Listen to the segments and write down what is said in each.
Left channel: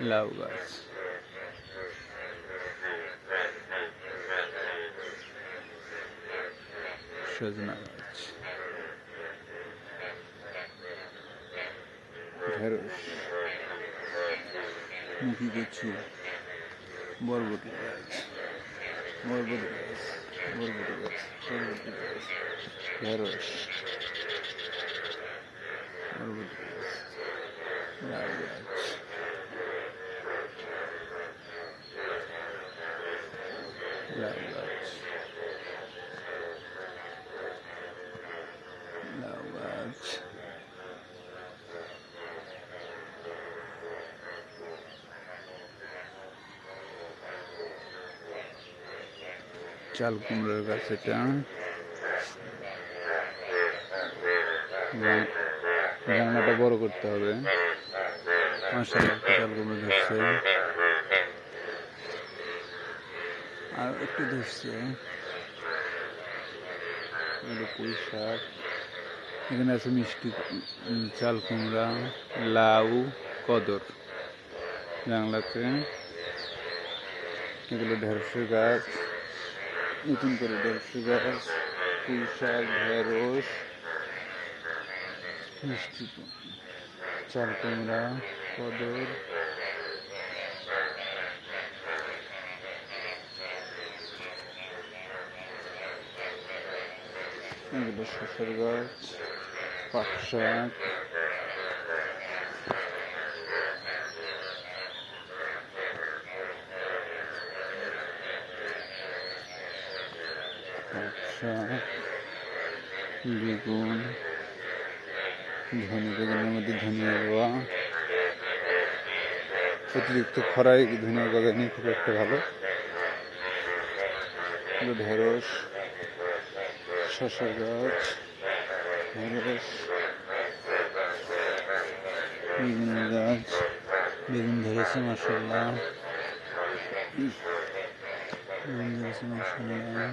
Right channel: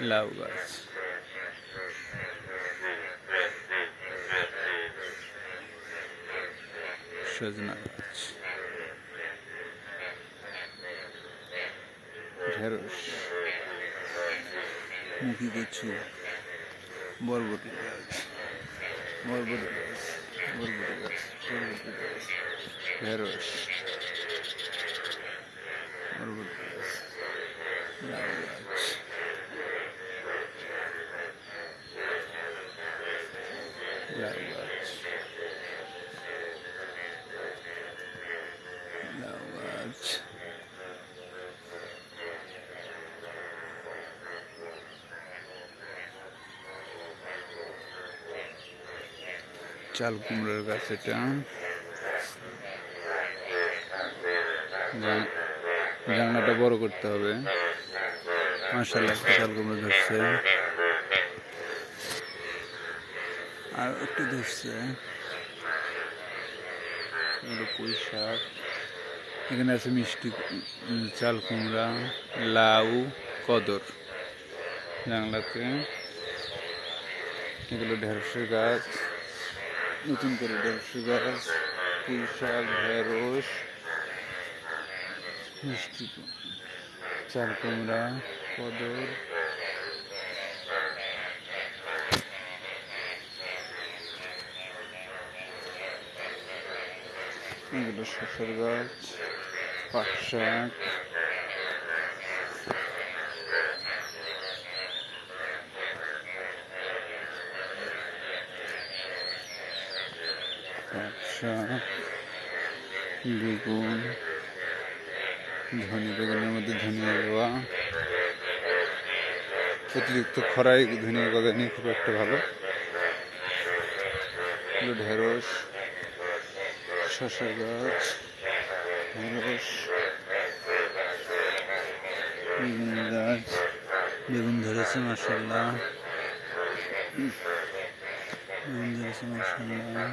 লাউ গাছ। সজনা গাছ। ঢেঁড়স। মুখি কচু। বরবটি গাছ। বরবটি গাছ। বরবটি গাছ। বরবটি গাছ। ঢেঁড়স বরবটি গাছ লাউ গাছ লাউ গাছ লাউ গাছ চাল কুমড়োর গাছ এটা। জাং- জানলাটা বড় করতে হবে। মাসাল্লাহ চাল কুমড়ো ধরছে। আর একটু ধরছে হলো পুঁই শাক। এখানে আছে মিষ্টি চাল কুমড়া লাউ কদর জানলাতে। এগুলো ঢেঁড়সের গাছ। নতুন করে ঢেঁড়সের গাছ পুঁই শাক ঢেঁড়স মিষ্টি চাল কুমড়া কদর। এগুলো শসার গাছ, পাট শাক। শাক, বেগুন ধনে বেগুনের মধ্যে ধনিয়া দেওয়া অতিরিক্ত খরায় ধনিয়া গজানি খুব একটা ভালো। ঢেঁড়স। শসা গাছ ঢেঁড়স বেগুন গাছ বেগুন ধরেছে মাসাল্লাহ বেগুন ধরেছে মাসাল্লাহ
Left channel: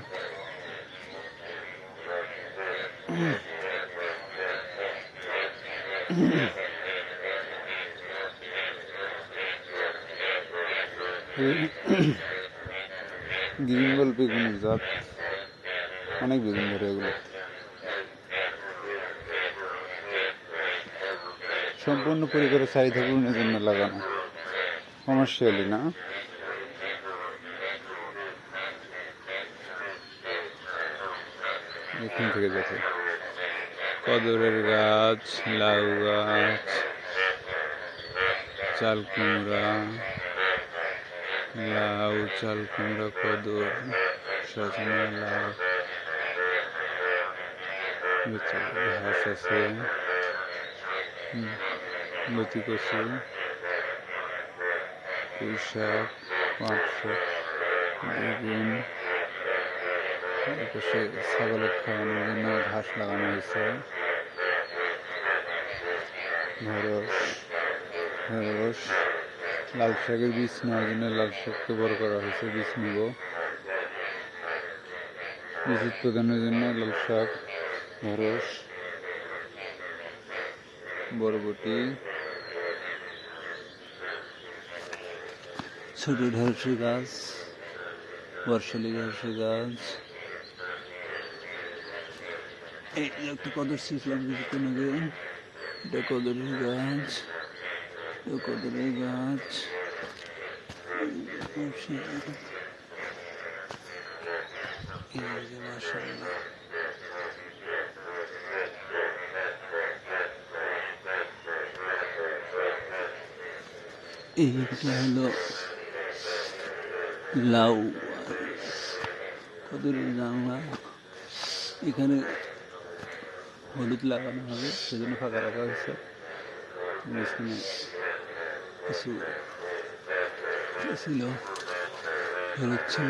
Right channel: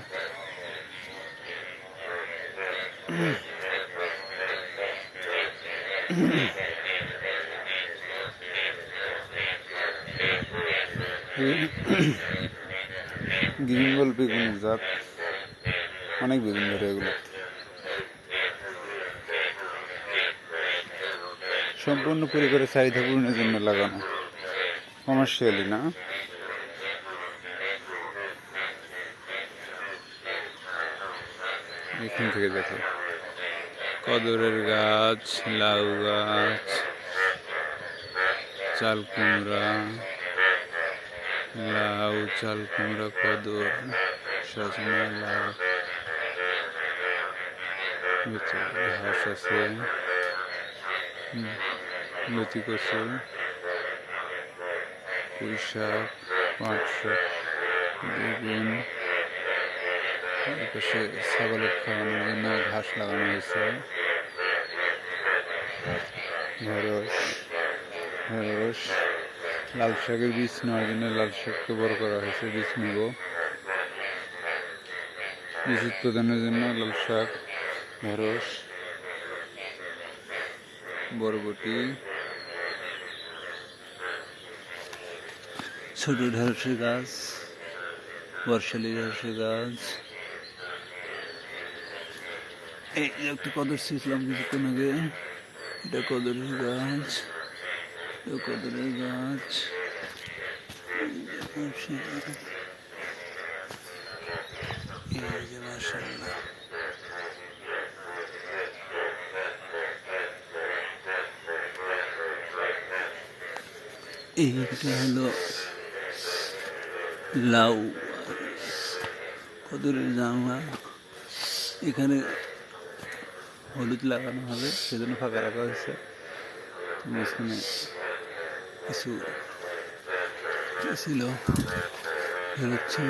গ্রিন বেগুনের জাত। অনেক বেগুন ধরে এগুলো। সম্পূর্ণ পরিবারের চাহিদা পূরণের জন্য লাগানো। কমার্শিয়ালি, না? এখান থেকে দেখো। কদরের গাছ, লাউ গাছ, চাল কুমড়া, লাউ, চাল কুমড়া, কদর, সজনা, লাউ। ঘাস আছে লতি কচু, পুঁই শাক, পাট শাক, বেগুন, এপাশে খাওয়ানোর জন্য ঘাস লাগানো হয়েছে ঢেঁড়স, লাল শাকের বীজ নেওয়ার জন্য লাল শাককে বড় করা হয়েছে, বীজ নিব। বীজ উৎপাদনের জন্য লাল শাক ঢেঁড়স বরবটি ছোট ঢেঁড়সের গাছ বর্ষালি ঢেঁড়সের গাছ একটু কদর ছিঁচলাম কিছুক্ষণ আগে এটা কদরের গাছ এটা কদরের গাছ এই যে মাসাল্লাহ এইটা হলো লাউ। কদরের জামা। এখানে হলুদ লাগানো হবে, সেজন্য ফাঁকা রাখা হয়েছে। এখানে কিছু ছিল, হলুদ ছিল।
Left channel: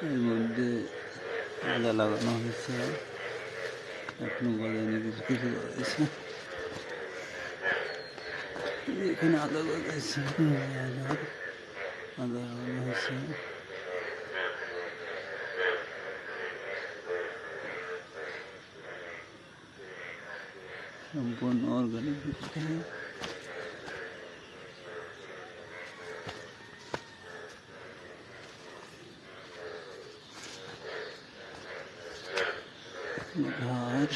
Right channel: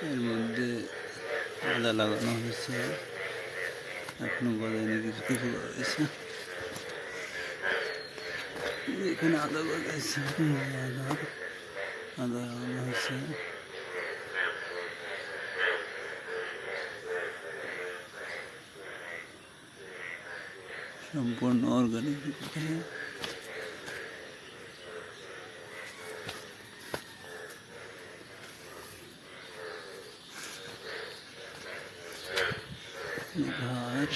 এর মধ্যে আদা লাগানো হয়েছে এখনও গজায়নি কিছু কিছু গজাইছে এখানে আদা গজাইছে আদা আদা লাগানো হয়েছে সম্পূর্ণ অর্গানিক ঘাস